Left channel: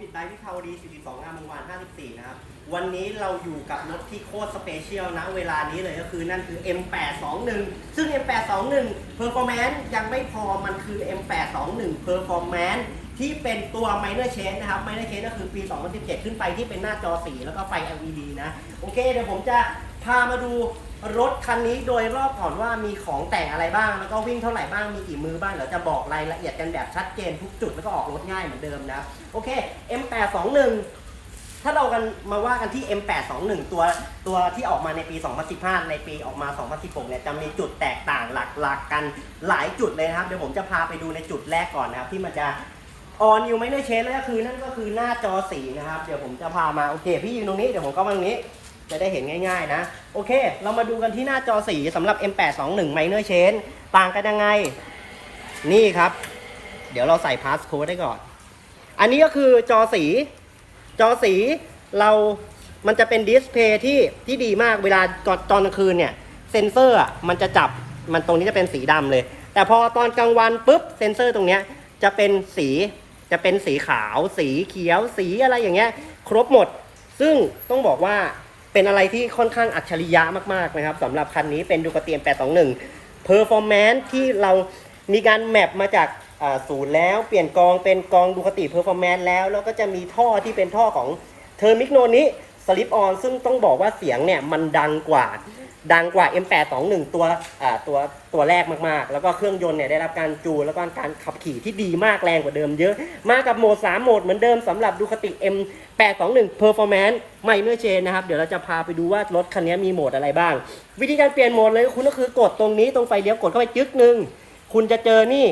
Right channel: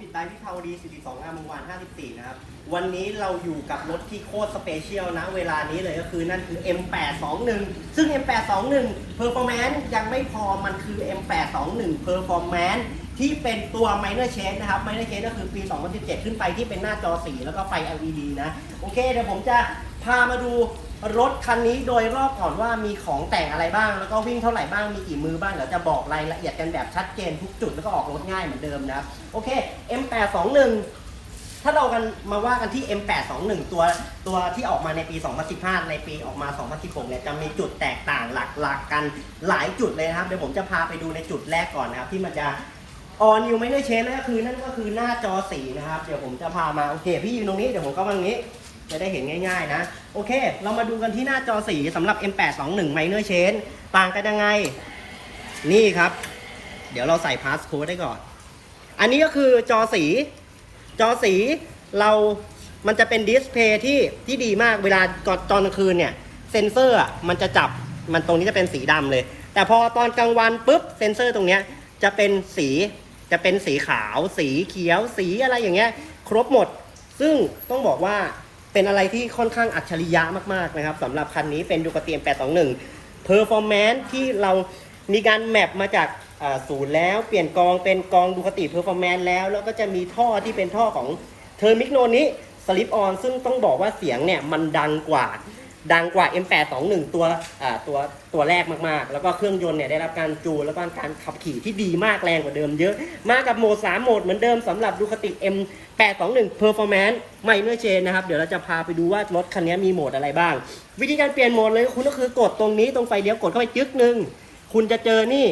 ปิดไดวิภาวดี 42 งามวงวาน 54 นะครับ วันนี้เราอยู่กับรถที่โคตรสเปเชียลนะ เวลานี้เลยก็คือนั่นคือ M821 ซึ่ง M821 Performance ยังไม่พอมันคือ M821 Performance ที่เป็นตัว Minor Change นะครับ Minor Change ก็คือปี 2017 ขึ้นไปที่เป็นหน้าจอสีแล้วก็ไฟ LED นะ โอเค เดี๋ยวผมจะพามาดู รถคันนี้โดยรอบก่อนว่ามีของแต่งอะไรบ้าง แล้วก็วิ่งเท่าไหร่บ้างมีกี่มือบ้างเดี๋ยวจะบอกรายละเอียดกันแบบชัดเจนทุกจุดแล้วก็ออกรถง่ายเหมือนเดิมนะครับโอเค M821 ถ้าเรากันมาว่ากันที่ M821 ตัวตัวที่ออกมาในปี 2015 ในปีออกมา 2016 เนี่ยจะมีจุดแตกต่างหลักๆกันหลายจุดเลยนะครับ เดี๋ยวผมจะพาไปดูในจุดแรกก่อนนะครับ ที่มันจะ all new ไม่ได้เชนแล้วก็คือนั่นก็คือหน้าจอสีนะครับ เดี๋ยวผมจะพามา โอเค พี่ยืนตรงนี้ เดี๋ยวผมก็มาตรงนี้ จะได้เห็นง่ายๆนะ โอเค เรามาดูกันที่หน้าจอสีสำหรับ M821 Minor Chain ต่างกันยังไง นี่ครับ เดี๋ยวเราใส่พาสโค้ดได้ก่อน อันนี้ก็คือจอสี จอสีเรามันจะเป็นดิสเพย์ที่ที่ดีมากเวลาตอนตอนกลางคืนเนี่ย เซนเซอร์มันจะจับมันตรงนี้จะเป็นสีดำเลย แต่พอตอนกลางวันปุ๊บเซนเซอร์ตรงเนี้ยจะเป็นสีจะเป็นสีขาว สีเขียว สีอะไรอย่างเงี้ย ครบหมด ซึ่งต้องบอกว่า เป็นอะไรที่ค่อนข้างอัจฉริยะมากๆนะครับสำหรับคันนี้เป็นดูกเตียม821 Performance ที่เรามีการแมปมาจากศูนย์แล้ว เปลี่ยนกองเป็นกองดูคติ Performance แล้ว แล้วก็จะมีท่อที่เป็นท่อของเทอร์มิกโนนี้สลิปออนซึ่งต้องบอกว่าเสียงเนี่ยมันดังกว่า ดังกว่า M821 ตัวตัวตัวแรกมากๆ แล้วก็เครื่องยนต์เนี่ยได้รับการจูนแล้วก็การขับขี่ที่ดีมากแรงกว่าเดิมเยอะ มากับโหมด 3 โหมดเหมือนเดิมสำหรับดูคติ M821 Performance ไม่เนื้อเชนนะครับ เดี๋ยวเราจะพาไปดูว่ารถคันนี้มีโหมดอะไรบ้าง วิธีการเปลี่ยนโหมดเลยคุณก็คือกดตรงนี้ตรงไฟเลี้ยวกดเข้าไปจึ๊กหนึ่งคุณจะเจอนี่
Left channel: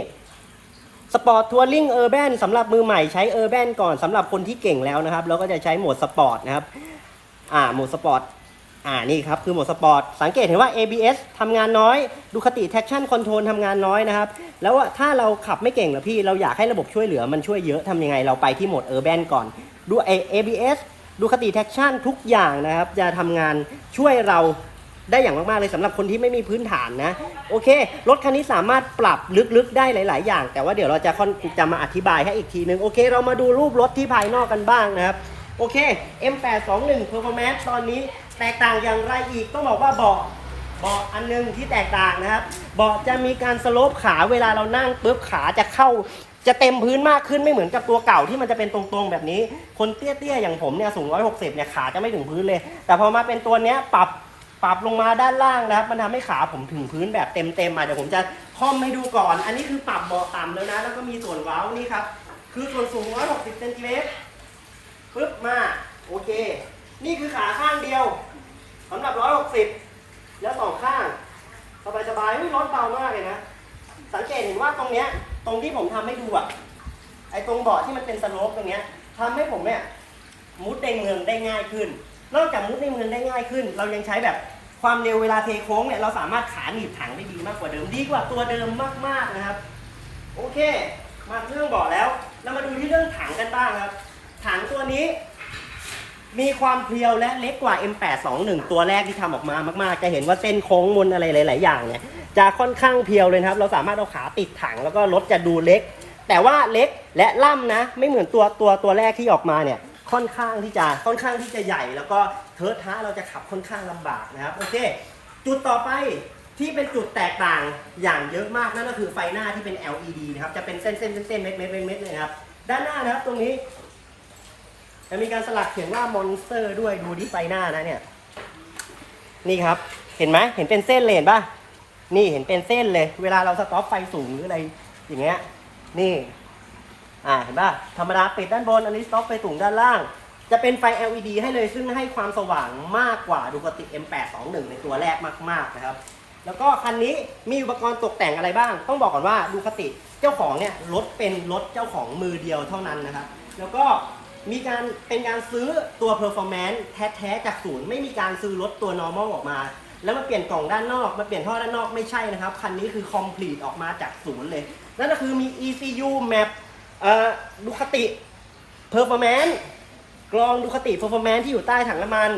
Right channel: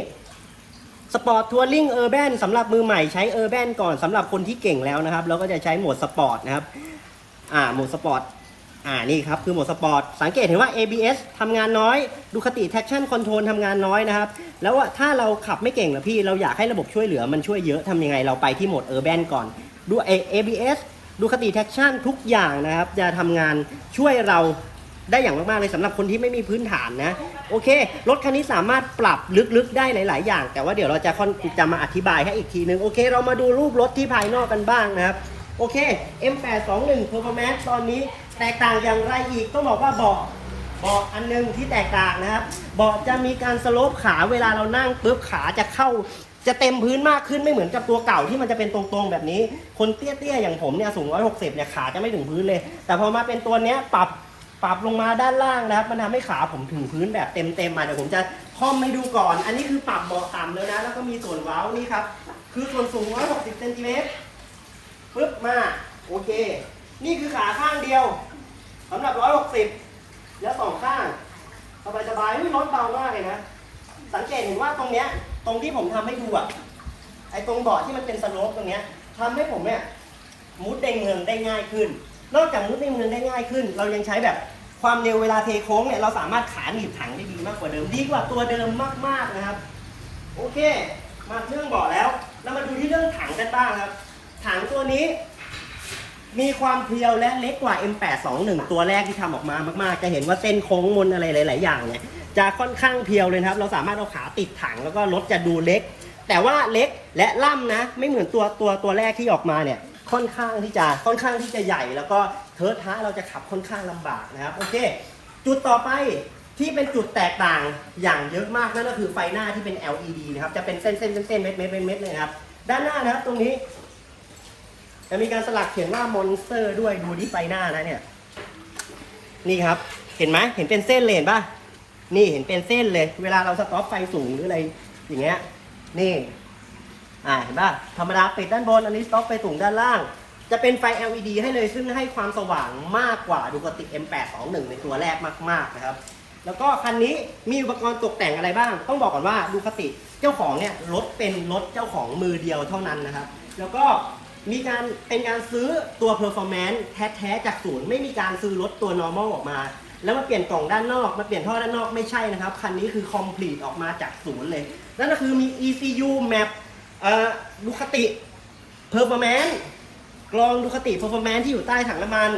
สปอร์ตทัวริงเออร์แบนสำหรับมือใหม่ใช้เออร์แบนก่อนสำหรับคนที่เก่งแล้วนะครับ แล้วก็จะใช้โหมดสปอร์ตนะครับ อ่าโหมดสปอร์ต อ่านี่ครับคือโหมดสปอร์ตสังเกตเห็นว่า ABS ทำงานน้อยดูคติ traction control ทำงานน้อยนะครับ แล้วถ้าเราขับไม่เก่งหรอพี่เราอยากให้ระบบช่วยเหลือมันช่วยเยอะทำยังไงเราไปที่โหมด urban ก่อนดู ABS ดูคติ traction ทุกอย่างนะครับ จะทำงานช่วยเราได้อย่างมาก ๆ เลยสำหรับคนที่ไม่มีพื้นฐานนะ โอเค รถคันนี้สามารถปรับลึก ๆ ได้หลาย ๆ อย่าง แต่ว่าเดี๋ยวเราจะค่อนจะมาอธิบายให้อีกทีนึง โอเค เรามาดูรูปรถที่ภายนอกกันบ้างนะครับ โอเค M821 Performance ตอนนี้ แตกต่างอย่างไรอีกต้องบอกว่าเบาะเบาะอันหนึงที่แตกต่างนะครับเบาะจะมีการสโลปขาเวลาเรานั่งปุ๊บขาจะเข้า จะเต็มพื้นมากขึ้นไม่เหมือนกับตัวเก่าที่มันจะเป็นตรงๆแบบนี้ คนเตี้ยๆอย่างผมเนี่ยสูง 160 เนี่ยขาจะไม่ถึงพื้นเลย แต่พอมาเป็นตัวเนี้ยปรับปรับลงมาด้านล่างนะครับมันทำให้ขาผมถึงพื้นแบบเต็มๆมาเดี๋ยวผมจะคอมให้ดูก่อน อันนี้คือปรับเบาะต่ำแล้วนะ แล้วก็มีส่วนเว้านี่ครับคือส่วนสูง 160 เซนติเมตรปึ๊บมาโอเค นี่คือขาข้างเดียวสำหรับ160แล้วสองข้างสบายสบายๆไม่รถเบามากเลยนะ สังเกตเห็นว่าตรงเนี้ย ตรงที่ผมทำให้ดูอะไอ้ตรงเบาะที่มันเป็นสโลปตรงเนี้ยทำให้ผมเนี่ยมุดในเมืองได้ง่ายขึ้น นอกจากมุดในเมืองได้ง่ายขึ้น เรายังใช้แบบความเร็วเวลาเทโค้งเนี่ยเราสามารถขาหนีบถังได้ดีมากกว่าเดิมดีกว่าตัวเดิมมากๆนะครับ โอเค มาเรื่องเบาะแล้ว เรามาดูที่เรื่องถังกันบ้างครับ ถังตัวนี้ มีความเพรียวและเล็กกว่า M821 ตัวแรกที่ทำออกมามากๆ จะเห็นว่าเส้นโค้งมนอะไรหลาย ๆ อย่างเนี่ยจะค่อนข้างเพียวเลยนะครับ เราสามารถเอาขาติดถังแล้วก็รถจะดูเล็ก แต่ว่าเล็กและล่ำนะ ไม่เหมือนตัวตัวตัวแรกที่ออกมาเนี่ย ค่อนข้างที่จะค่อนข้างที่จะใหญ่ แล้วก็เทิร์ท้าเราจะขับค่อนข้างลำบากนะครับ โอเค จุดต่อไปที่เป็นจุดแตกต่างอย่างเยอะมากนั่นก็คือไฟหน้าที่เป็น LED นะครับ จะเป็นเส้นเส้นเส้นเส้นเม็ดเม็ดเม็ดเม็ดเลยนะครับ ด้านหน้านะครับตรงนี้ จะมีการสลักเขียนว่ามอนสเตอร์ด้วยดูที่ไฟหน้านะเนี่ย นี่ครับ เห็นไหมเห็นเป็นเส้นเลยเห็นปะนี่เห็นเป็นเส้นเลย เวลาเราสต็อปไฟสูงหรืออะไรอย่างเงี้ย นี่ อ่าเห็นป่ะ ธรรมดาปิดด้านบน อันนี้สต็อปไฟสูงด้านล่าง จะเป็นไฟ LED ให้เลย ซึ่งให้ความสว่างมากกว่าดูกติ M821 ในตัวแรกมากๆนะครับแล้วก็คันนี้มีอุปกรณ์ตกแต่งอะไรบ้าง ต้องบอกก่อนว่าดูคติเจ้าของเนี่ยรถเป็นรถเจ้าของมือเดียวเท่านั้นนะครับ แล้วก็ มีการเป็นการซื้อตัว performance แท้ๆจากศูนย์ไม่มีการซื้อรถตัว normal ออกมา แล้วมาเปลี่ยนกล่องด้านนอกมาเปลี่ยนท่อด้านนอกไม่ใช่นะครับ คันนี้คือ complete ออกมาจากศูนย์เลย นั่นก็คือมี ECU map เอ่อดูคติ performance กรองดูคติ performance ที่อยู่ใต้ถังน้ำมัน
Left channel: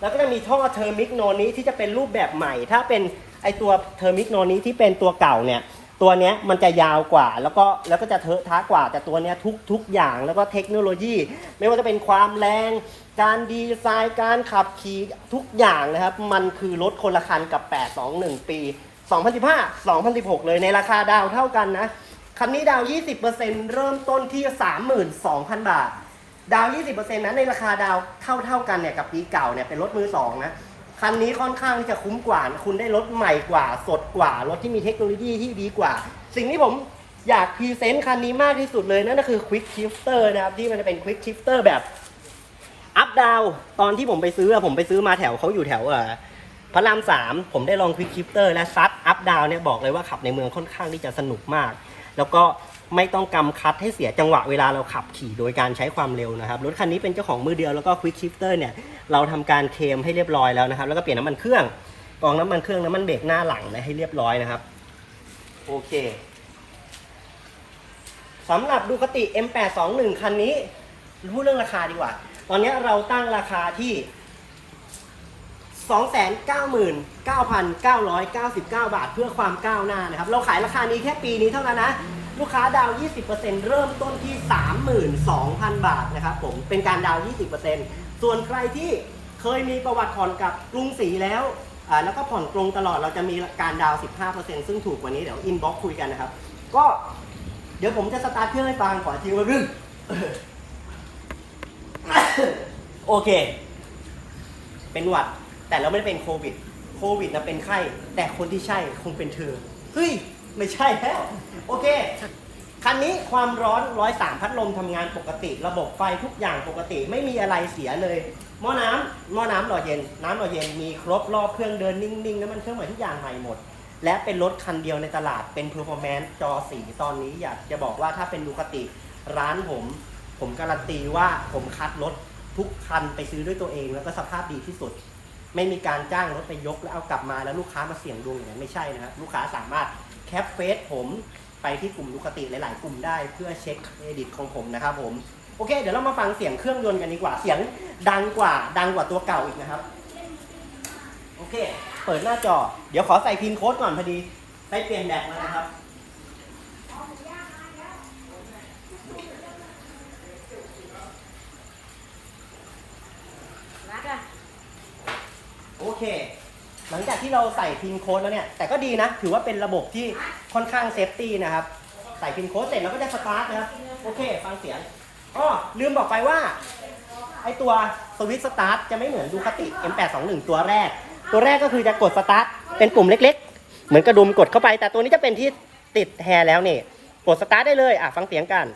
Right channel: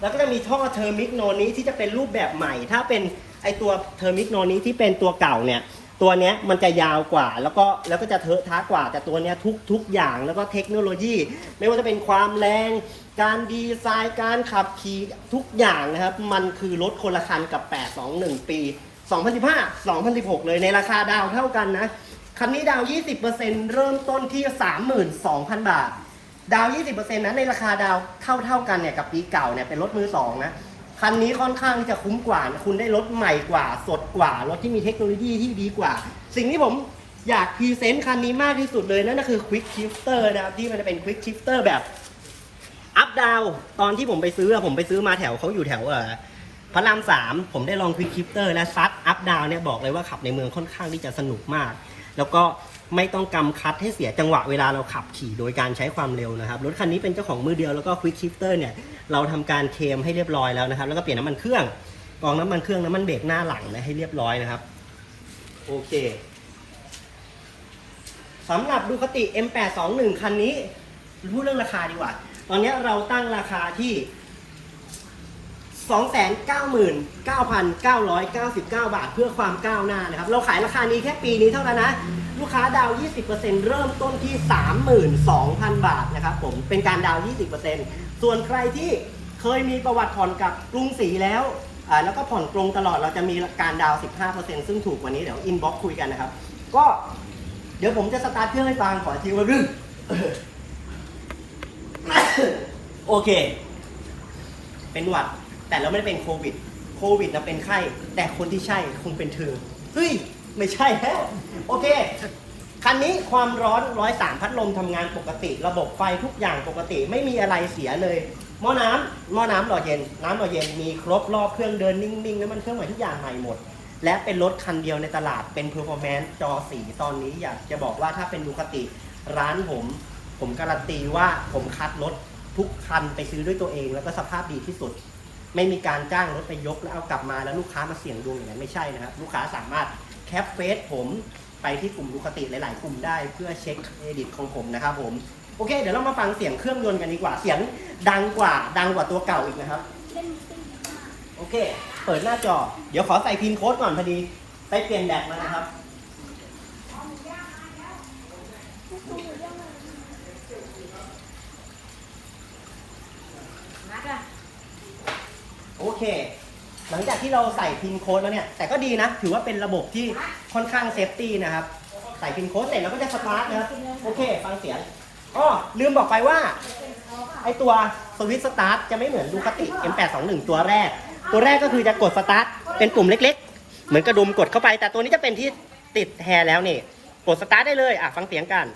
แล้วก็จะมีท่อเทอร์มิกโนนี้ที่จะเป็นรูปแบบใหม่ ถ้าเป็นไอตัวเทอร์มิกโนนี้ที่เป็นตัวเก่าเนี่ย ตัวเนี้ยมันจะยาวกว่า แล้วก็แล้วก็จะเทอะท้ากว่าแต่ตัวเนี้ยทุกทุกอย่างแล้วก็เทคโนโลยี ไม่ว่าจะเป็นความแรง การดีไซน์การขับขี่ทุกอย่างนะครับ มันคือรถคนละคันกับ 821 ปี 2015 2016 เลยในราคาดาวเท่ากันนะคันนี้ดาว 20%เริ่มต้นที่ 32,000 บาท ดาว 20%นะในราคาดาวเท่าเท่าๆกันเนี่ยกับปีเก่าเนี่ยเป็นรถมือสองนะ คันนี้ค่อนข้างจะคุ้มกว่า คุณได้รถใหม่กว่า สดกว่ารถที่มีเทคโนโลยีที่ดีกว่า สิ่งที่ผมอยากพรีเซนต์คันนี้มากที่สุดเลยนั่นก็คือ Quick Shifter นะครับที่มันจะเป็น Quick Shifter แบบอัพดาวตอนที่ผมไปซื้อผมไปซื้อมาแถวเขาอยู่แถวเออพระรามสามผมได้ลองควิกคิปเตอร์นะซัดอัพดาวเนี่ยบอกเลยว่าขับในเมืองค่อนข้างที่จะสนุกมาก แล้วก็ ไม่ต้องกำคัดให้เสียจังหวะเวลาเราขับขี่โดยการใช้ความเร็วนะครับ รถคันนี้เป็นเจ้าของมือเดียวแล้วก็ควิกชิปเตอร์เนี่ยเราทำการเคมให้เรียบร้อยแล้วนะครับ แล้วก็เปลี่ยนน้ำมันเครื่องกองน้ำมันเครื่องน้ำมันเบรกหน้าหลังนะให้เรียบร้อยนะครับ โอเคสำหรับดูคติ M821 คันนี้ รู้เรื่องราคาดีกว่า ตอนนี้เราตั้งราคาที่ 299,999 บาทเพื่อความก้าวหน้านะครับ เราขายราคานี้แค่ปีนี้เท่านั้นนะ ลูกค้าดาว 20%เริ่มต้นที่ 32,000 บาทนะครับผม เป็นการดาว 20%ส่วนใครที่เคยมีประวัติผ่อนกับกรุงศรีแล้วอ่าแล้วก็ผ่อนตรงตลอด เราจะมีการดาว 15%ซึ่งถูกกว่านี้ เดี๋ยวอินบ็อกคุยกันนะครับ ก็เดี๋ยวผมจะสตาร์ทเครื่องให้ฟังขอทีว่ารึงโอเค เป็นหวัด แต่เราไม่ได้เป็นโควิด โควิดนะเป็นไข้ แต่คนที่ใช่คงเป็นเธอ เฮ้ย ไม่ใช่แล้ว โอเค คันนี้ความร้อน103พัดลมทำงานปกติ ระบบไฟทุกอย่างปกติไม่มีอะไรเสียเลย หม้อน้ำหม้อน้ำหล่อเย็น น้ำหล่อเย็นมีครบรอบเครื่องเดินนิ่งๆน้ำมันเครื่องใหม่ทุกอย่างใหม่หมด และเป็นรถคันเดียวในตลาดเป็นเพอร์ฟอร์แมนซ์จอสีตอนนี้อยากจะบอกว่าถ้าเป็นดูคติร้านผม ผมการันตีว่าผมคัดรถทุกคันไปซื้อด้วยตัวเองแล้วก็สภาพดีที่สุด ไม่มีการจ้างรถไปยกแล้วเอากลับมาแล้วลูกค้ามาเสี่ยงดวงอย่างนั้นไม่ใช่นะครับ ลูกค้าสามารถแคปเฟซผมไปที่กลุ่มดูคติหลาย ๆ กลุ่มได้เพื่อเช็คเครดิตของผมนะครับผมโอเค เดี๋ยวเรามาฟังเสียงเครื่องยนต์กันดีกว่าเสียงดังกว่าดังกว่าตัวเก่าอีกนะครับ โอเค เปิดหน้าจอ เดี๋ยวขอใส่พินโค้ดก่อนพอดีไปเปลี่ยนแบตมานะครับ โอเค หลังจากที่เราใส่พินโค้ดแล้วเนี่ย แต่ก็ดีนะ ถือว่าเป็นระบบที่ค่อนข้างเซฟตี้นะครับ ใส่พินโค้ดเสร็จเราก็จะสตาร์ทนะครับ โอเค ฟังเสียงอ๋อลืมบอกไปว่า ไอตัวสวิตสตาร์ทจะไม่เหมือนดูคติ M821 ตัวแรก ตัวแรกก็คือจะกดสตาร์ทเป็นปุ่มเล็ก ๆ เหมือนกระดุมกดเข้าไป แต่ตัวนี้จะเป็นที่ติดแฮร์แล้วนี่ กดสตาร์ทได้เลย อะ ฟังเสียงกัน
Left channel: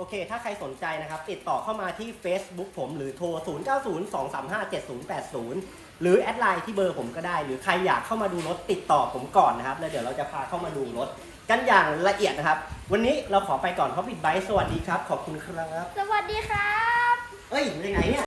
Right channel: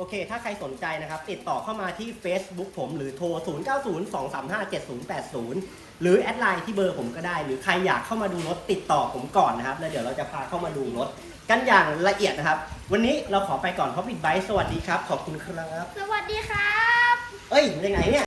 โอเค ถ้าใครสนใจนะครับ ติดต่อ เข้ามาที่ Facebook ผมหรือโทร 0902357080 หรือแอดไลน์ที่เบอร์ผมก็ได้ หรือใครอยากเข้ามาดูรถติดต่อผมก่อนนะครับ แล้วเดี๋ยวเราจะพาเข้ามาดูรถกันอย่างละเอียดนะครับ วันนี้เราขอไปก่อนเพราะบิดไบค์สวัสดีครับ ขอบคุณครับ สวัสดีครับ เอ้ยมาจากไหนเนี่ย